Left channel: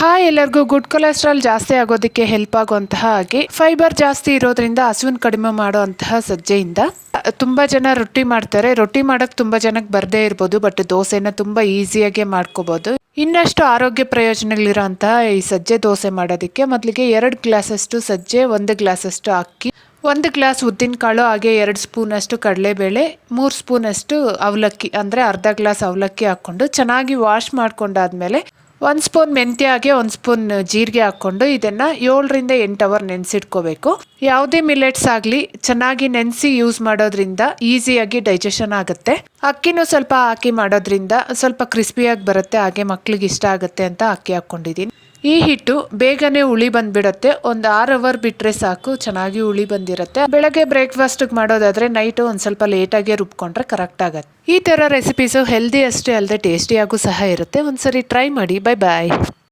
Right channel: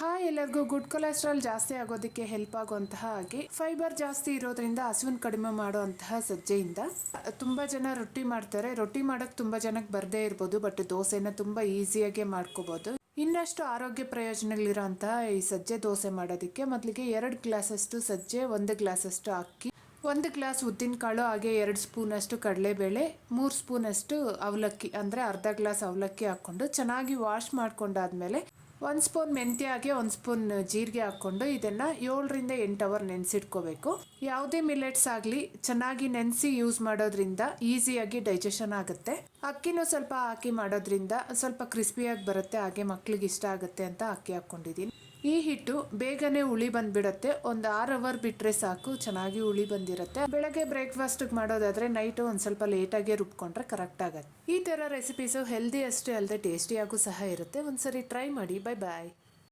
Hi ಎಲ್ಲರಿಗೂ good cholesterol ಜಾಸ್ತಿ ಆಗೋದಕ್ಕೆ ಹೆಲ್ಪ್ ಆಗುವಂತಹ ಹಾಗೆ ಫೈಬರ್ ಜಾಸ್ತಿ ಇರೋದ್ರಿಂದ ಹಸುವಿನ ಕಡಿಮೆ ಮಾಡುವಂತಹ ಸಜ್ಜೆಯಿಂದ ತುಂಬ ಜನ ರೊಟ್ಟಿ ಮಾಡ್ತಾರೆ. ರೊಟ್ಟಿ ಮಾಡೋಕ್ಕೆ ತುಂಬಾ ಜನಕ್ಕೆ ಬರದೇ ಇರ್ಬೋದು ಬಟ್ ದೋಸೆನ ತುಂಬ ಈಸಿಯಾಗಿ ಮಾಡ್ಕೋಬೋದು. ಇನ್ನಷ್ಟು ಆರೋಗ್ಯ ಪ್ರಯೋಜನಗಳಿರೋಂತಹ ಈ ಸಜ್ಜೆ ದೋಸೆ ಮಾಡೋದಕ್ಕೆ ಮೊದಲಿಗೆ ಎರಡು ಗ್ಲಾಸಷ್ಟು ಸಜ್ಜೆ, ಒಂದು ಗ್ಲಾಸಷ್ಟು ಅಕ್ಕಿ, ಒಂದು ಗ್ಲಾಸ್ ಉದ್ದಿನಕಾಳು ಹಾಗೆ ಎರಡು ಸ್ಪೂನಷ್ಟು ಕಡಲೆಬೇಳೆ, ಮೂರು ಸ್ಪೂನಷ್ಟು ಅವಲಕ್ಕಿ, ಅಂದರೆ ಅರ್ಧ ಗ್ಲಾಸ್ ಅವಲಕ್ಕಿ ಹಾಕ್ಕೊಂಡು ಚೆನ್ನಾಗಿ ವಾಶ್ ಮಾಡ್ಕೊಂಡಾದ್ಮೇಲೆ ಒಂದು ಸ್ಪೂನ್ ಮೆಂತ್ಯ ಹಾಗೆ ಒಂದು ಸ್ಪೂನ್ ಜೀರಿಗೆ ಹಾಕ್ಕೊಂಡು ಇದನ್ನು ಏಳರಿಂದ ಎಂಟು ಅವರ್ ನೆನೆಸಿಟ್ಕೋಬೇಕು. ಯಾವುದೇ ಮಿಲೆಟ್ಸ್ ಆಗಲಿ ಚೆನ್ನಾಗಿ ನೆನೆಸಿ ಯೂಸ್ ಮಾಡೋದ್ರಿಂದ ಈಸಿಯಾಗಿ ಡೈಜೆಷನ್ ಆಗುತ್ತೆ. ಅಕ್ಕಿನೂ ಸ್ವಲ್ಪ ಹಾಕಿ ಮಾಡೋದ್ರಿಂದ ಸ್ವಲ್ಪ ಕ್ರಿಸ್ಪಿಯಾಗಿ ಬರುತ್ತೆ, ಹಾಗೆ ಮಕ್ಳಿಗೆ ಇಷ್ಟ ಆಗುತ್ತೆ ಅಂತ ಅಕ್ಕಿ ಹಾಕ್ಕೊಂಡಿದ್ದೀನಿ ಈ ಹಿಟ್ಟು ಬೇಗನೆ ಹುಳಿ ಬಂದ್ಬಿಡುತ್ತೆ. ಒಂದು ಆರು ಅವರ್ ಬಿಟ್ಟರೆ ಸಾಕು, ಚೆನ್ನಾಗಿ ಹುಳಿ ಬಂದಿರುತ್ತೆ. ಬೆಳಗ್ಗೆ ಬ್ರೇಕ್ಫಾಸ್ಟಿಗೆ ಮಾಡೋದಾದ್ರೆ ನೈಟು ಒಂದು ಸ್ವಲ್ಪ ಲೇಟಾಗಿ ರುಬ್ಕೊಂಡ್ರೆ ಕರೆಕ್ಟ್ ಆಗುತ್ತೆ. ಈ ಥರ ರೆಸಿಪೀಸು ಹೆಲ್ದಿ ಅಷ್ಟೇ ಅಲ್ಲದೆ ಟೇಸ್ಟಿಯಾಗೂ ಸಹ ಇರುತ್ತೆ. ಒಂದ್ಸರಿ ಟ್ರೈ ಮಾಡಿ ಬೈ ಬಾಯ್